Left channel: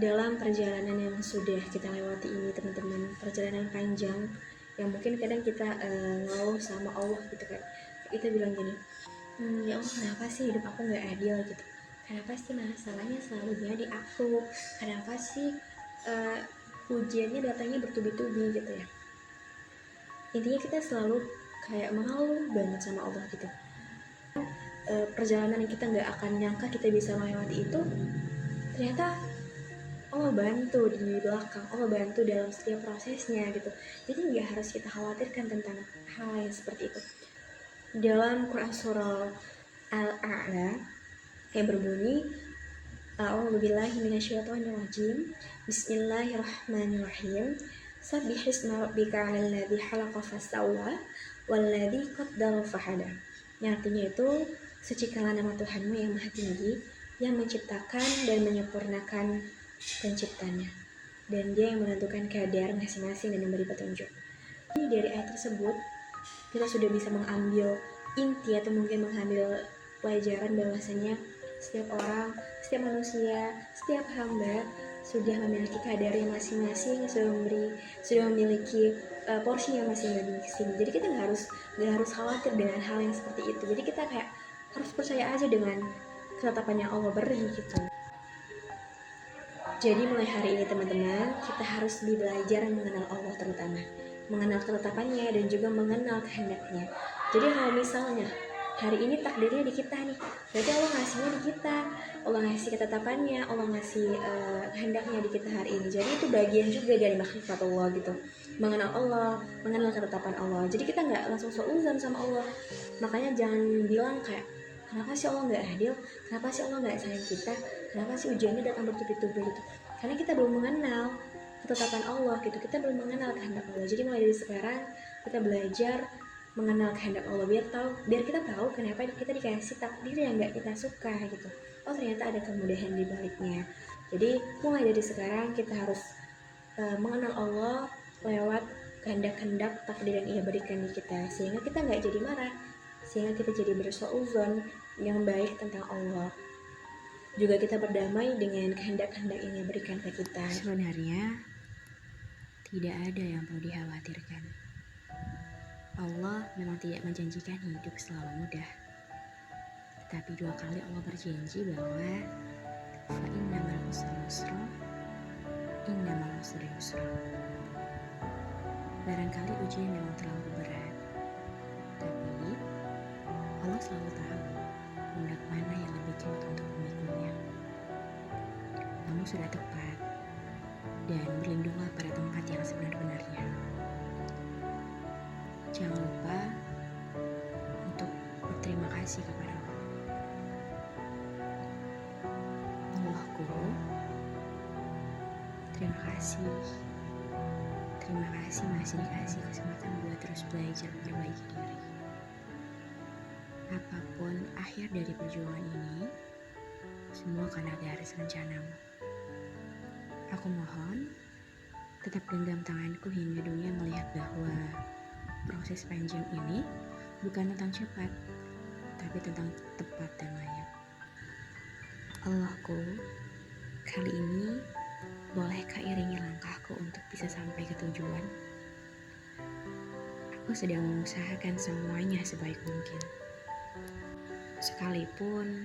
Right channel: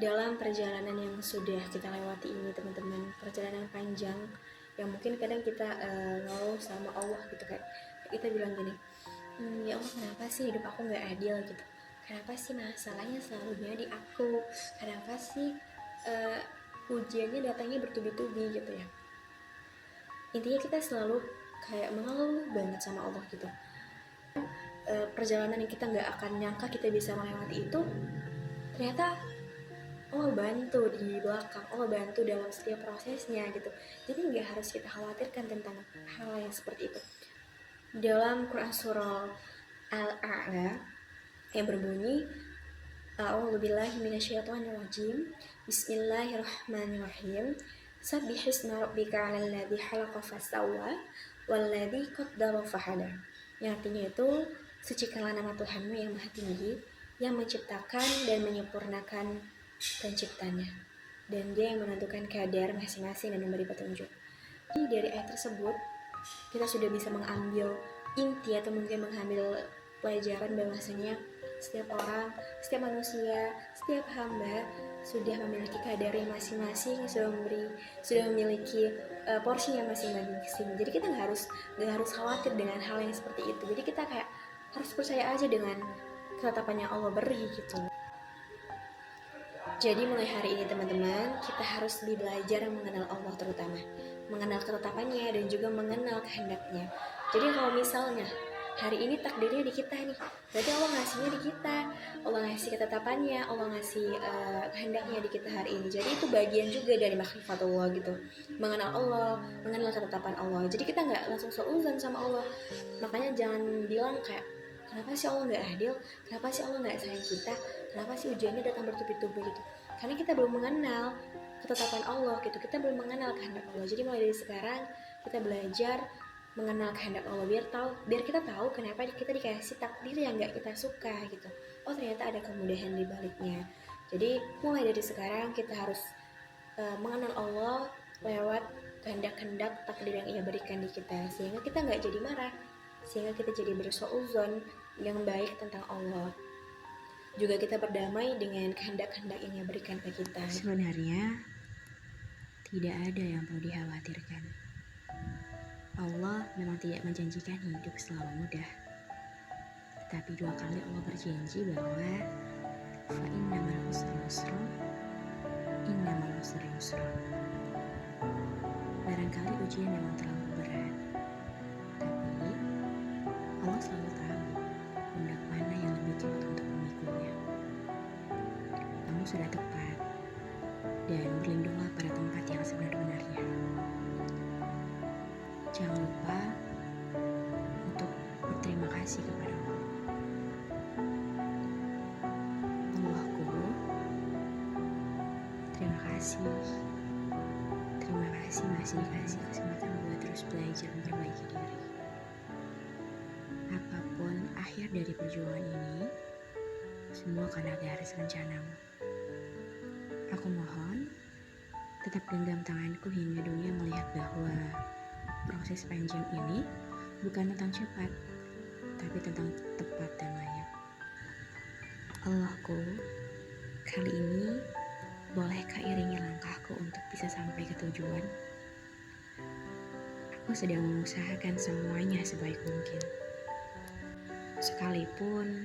dalam perjalanan yang sudah kita lewati ini teman-teman, perjalanan panjang yang mungkin kadang kita ngeluh sama Allah gitu kan, kita bilang gini, ya Allah kenapa sih hidup aku nggak adil gitu, kenapa sih masalahnya selalu di aku, kenapa sih ujiannya datangnya bertubi-tubi gitu ya. Intinya kita selalu kayak mengeluh banget sama Allah gitu. Perjalanan yang kita nggak akan nyangka kita bisa melewati itu, ternyata Allah bantu di belakang, Allah bantu dalam setiap prosesnya gitu. Jadi nggak harus kita khawatirkan tentang hal yang seperti itu. Dalam Quran surah Al-A'la yang berbunyi, A'udzubillahi minasyaitonirrajim, Bismillahirrahmanirrahim, Sabbihisma rabbika 'alal ladzi khalaqa fasawwa walladzi qaddara fahada. Yang artinya itu, sucikanlah nama Tuhanmu yang Maha Tinggi, yang menciptakan dan menyempurnakan penciptanya, dan Dia yang menentukan kadar masing-masing dan memberi petunjuk. Jadi dari ayat tersebut kita sudah bisa mengambil inti atau mungkin mengambil pelajaran bahwasanya setiap orang, setiap manusia, setiap hamba sudah memiliki kadarnya masing-masing, sudah memiliki porsinya masing-masing. Jadi kita nggak harus khawatir dengan hal yang seperti itu. Jadi kita kayak harus percaya aja dengan ketetapan yang Allah beri gitu. Jadi mulai hari ini teman-teman, kita harus belajar mengenal Allah, terutama mengenal ketetapannya dan juga mengenal kehendaknya. Jadi kalau misalnya hari ini takdirnya di kita nih, berarti Allah ngasihnya di kita, Allah ngasih ketetapannya, Allah ngasih kehendaknya di kita hari ini. Jadi itu bagian juga dari makrifatullah gitu, mengenal Allah, mengenal ketetapan Allah. Jadi kita nggak langsung seuzan sama Allah. Makanya jangan bilang kayak, kenapa sih Allah nggak adil? Kenapa sih Allah nggak sayang kita? Kenapa sih ujiannya datang bertubi-tubi gitu? Karena kita belum mengenal ketetapan Allah gitu. Kita belum mengenal kehendak Allah. Jadi mulai dari sekarang kita belajar mengenal kehendak Allah, biar kita tahu kenapa kita dikasih takdir yang nggak kita suka gitu. Oh ternyata ada kemudahan di baliknya. Jadi mulai dari sekarang kita harus mengenal Allah lewat kehendak-kehendak takdir yang Ia berikan di kita, sehingga kita nggak jadi marah, sehingga kita jadi bersuuzon yang baik tentang Allah. Juga kita berdamai dengan kehendak-kehendak yang Ia berikan ke kita. Sebenarnya tidak ada yang perlu dikhawatirkan. Allah memang tidak menjanjikan hidup selalu mudah. Tetapi 2 kali Allah berjanji bahwa fa innamal usri yusra, innamal usri yusra. Barangkali ujian memang terlalu berat, tapi Allah selalu tahu pundak mana yang lebih kuat untuk memikulnya. Kamu sudah tepat, dan berlindunglah pada tempat yang sebenar-benarnya. Jangan lupa untuk berterima kasih kepada Allah. Allahku, terima kasih. Terima kasih masih dikasih kesempatan buat terus belajar memperbaiki diri. Apapun akhir dari perjuangan ini, semua karena garis rencanamu. Aku mohon, tetap genggam tanganku hingga dunia melihat bahwa proses panjang ini bukan tentang cepat, tapi tentang tepat dan layak. Allahku, kali ini bolehkah iringi langkahku untuk bisa sampai ke tujuan? Aku sedang mengusahakan semuanya sebaik mungkin. Sekalipun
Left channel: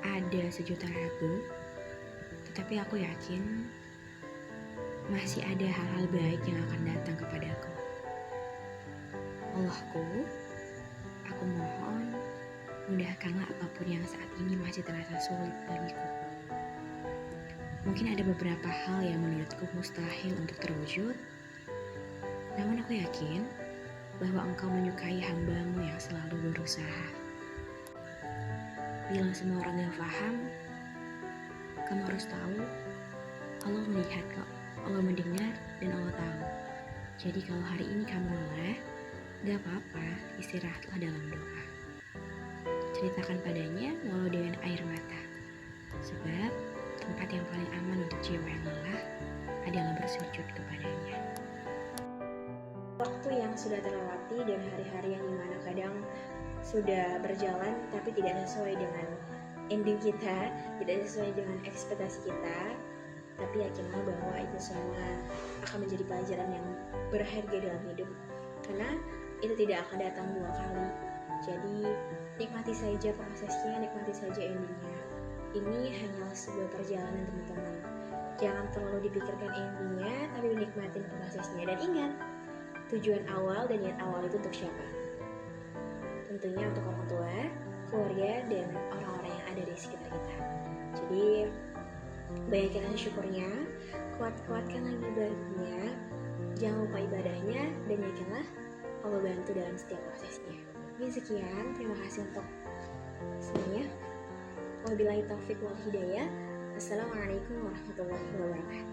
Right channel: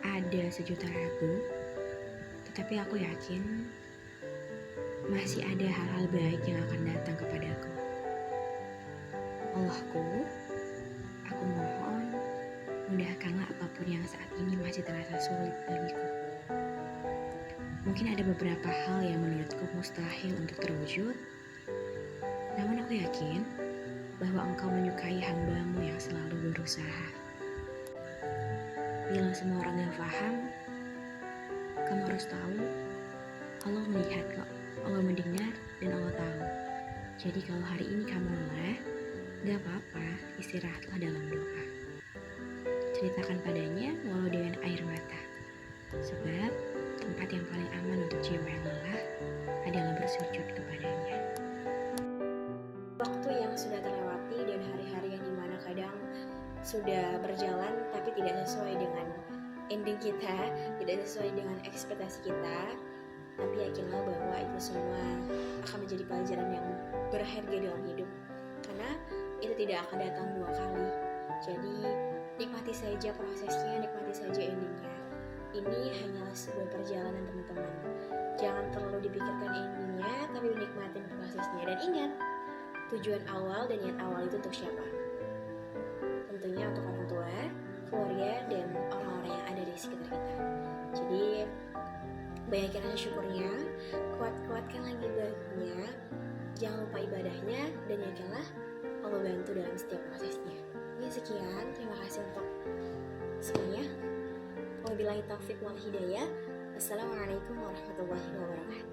ada sejuta ragu, tetapi aku yakin masih ada hal-hal baik yang akan datang kepadaku. Allahku, aku mohon mudahkanlah apapun yang saat ini masih terasa sulit bagiku. Mungkin ada beberapa hal yang menurutku mustahil untuk terwujud, namun aku yakin bahwa Engkau menyukai hamba-Mu yang selalu berusaha. Bila semua orang yang paham, kamu harus tahu Allah melihat kok, Allah mendengar, dan Allah tahu. Jadi kalau hari ini kamu lelah, gak apa-apa, istirahatlah dalam doa. Ceritakan padanya walau dengan air mata. Sebab tempat yang paling aman untuk jiwa yang lelah adalah bersujud kepadanya. Waktu yang sudah terlewati dan hari-hari yang dimana kadang sudah berjalan tapi tidak sesuai dengan ending kita, tidak sesuai dengan ekspektasi kita, Tapi yakinlah bahwa itu semua akan menjadi pelajaran yang berharga dalam hidup, karena itu tidak akan datang dua kali. Jadi nikmati saja prosesnya, nikmati saja endingnya. Ini hanyalah sebuah perjalanan teman-teman. Jangan terlalu dipikirkan endingnya, tapi dinikmatin prosesnya. Dan ingat, tujuan awal dan niat awal itu untuk siapa? Tentunya untuk orang tua, keluarga, dan orang-orang yang ada di sekitar kita. Jadi banyakin rasa syukurnya, kuatkan lagi ibadahnya, jangan lupa ibadahnya, dan yakinlah Allah bantu dalam setiap prosesnya. Ya sekian, terima kasih untuk semuanya. Wabillahi taufiq wal hidayah. Wassalamualaikum warahmatullahi wabarakatuh.